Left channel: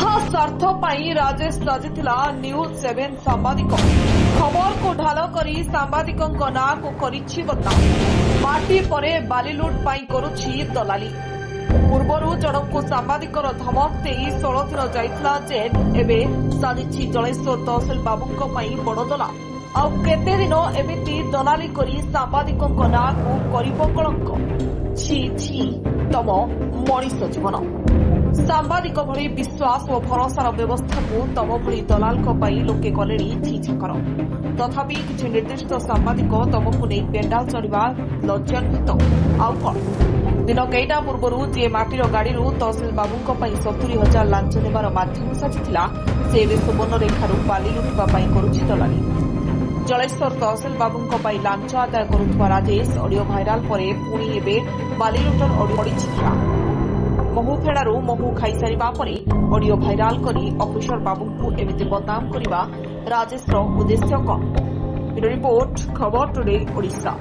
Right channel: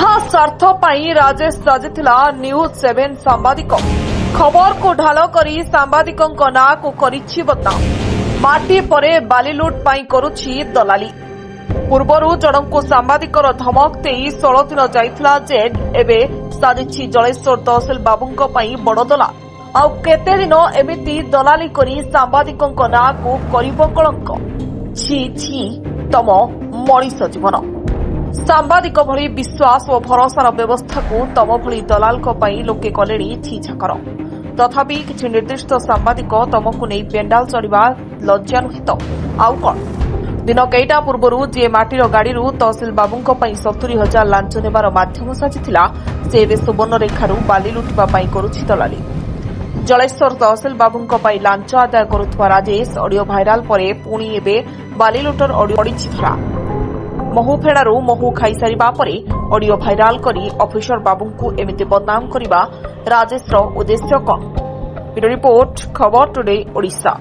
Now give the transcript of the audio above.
ଯାହା ସ୍ୱାର୍ଥ ପାଇଁ ରାଜେଶ ସାଜିଥିଲା ନ୍ୟୁଜ 7 ସାମ୍ବାଦିକ ଖବରକୁ ଢାଲ କରି ସାମ୍ବାଦିକଙ୍କ ନାଁକୁ କରିଛି ବଦନାମ। ମାଟି ପରେ ବାଲି ଲୁଟ୍ ପାଇଁ କରୁଛି ଦଲାଲି। ପୂର୍ବରୁ ଜଣଙ୍କୁ ସାମ୍ବାଦିକର ଧମକ ଦେଇ 16 ଦିନ ଯାଇଥିଲା ଜେଲ୍। ଏବେ ସାଜିଛି ଜଳେଶ୍ୱର ତହସିଲ ବାବୁଙ୍କ ପାଇଁ ବଡ଼ ଦଲାଲ। ଆଉ କେତେ ଦିନ ଏମିତି ଦଲାଲି କରି ସାମ୍ବାଦିକଙ୍କ ନାଁକୁ କରିବ କଳଙ୍କ। ଛି ଛି ତମ ମଣିଷ ଜୀବନ। ସାମ୍ବାଦିକ ଭଳି ବିଶ୍ୱାସ ଓ ଭରସାର ବ୍ୟବସ୍ଥାକୁ ତମ ଭଳି ଦଲାଲଙ୍କ ପାଇଁ ଲୋକେ କଲେଣି ଛିଛାକର। ତଥାପି କିଛି ନିର୍ଦ୍ଦିଷ୍ଟ ସାମ୍ବାଦିକ ତମକୁ ନେଇ ପେଣ୍ଡାଲ ଚଢ଼ିବା ଲଜ୍ଜା ନୁହେଁ ତ ଆଉ କ'ଣ? ଦିନ କେଇଟା ପୂର୍ବରୁ ଯିଏ ମାଟିର ଗାଡ଼ିରୁ ତହସିଲ ବାବୁଙ୍କ ପାଇଁ 70,000 ଲାଞ୍ଚ ନେବାର ମାଧ୍ୟମ ସାଜିଥିଲା, ସେ ଏବେ ସୁବର୍ଣ୍ଣରେଖାରୁ ବାଲି ଲୁଟିବା ପାଇଁ କରୁଛି ଦଲାଲି। ଜଳେଶ୍ୱର ତହସିଲ ବାବୁଙ୍କ ପାଇଁ ଲାଞ୍ଚ ଆଦାୟ କରୁଥିବା ରାଜେଶ ଅଡିଓ ଭାଇରାଲ ପରେ ପୁଣି ଏବେ ବାଲି ଲୁଟର ଅଡିଓ ପଡ଼ିଛି ଧରା। ମହୁ ଫେଣାରୁ ମହୁ ଖାଇସାରିବା ପରେ ଅଡିଓ ଭାଇରାଲ କରି ଅଫିସର ବାବୁଙ୍କୁ ଏମିତି ବଦନାମ କରିବା ରାଜେଶର ଉଦ୍ଦେଶ୍ୟ କ'ଣ? ବ୍ୟୁରୋ ରିପୋର୍ଟ, ଖବର ଟୁଡେ, ଓଡ଼ିଶା।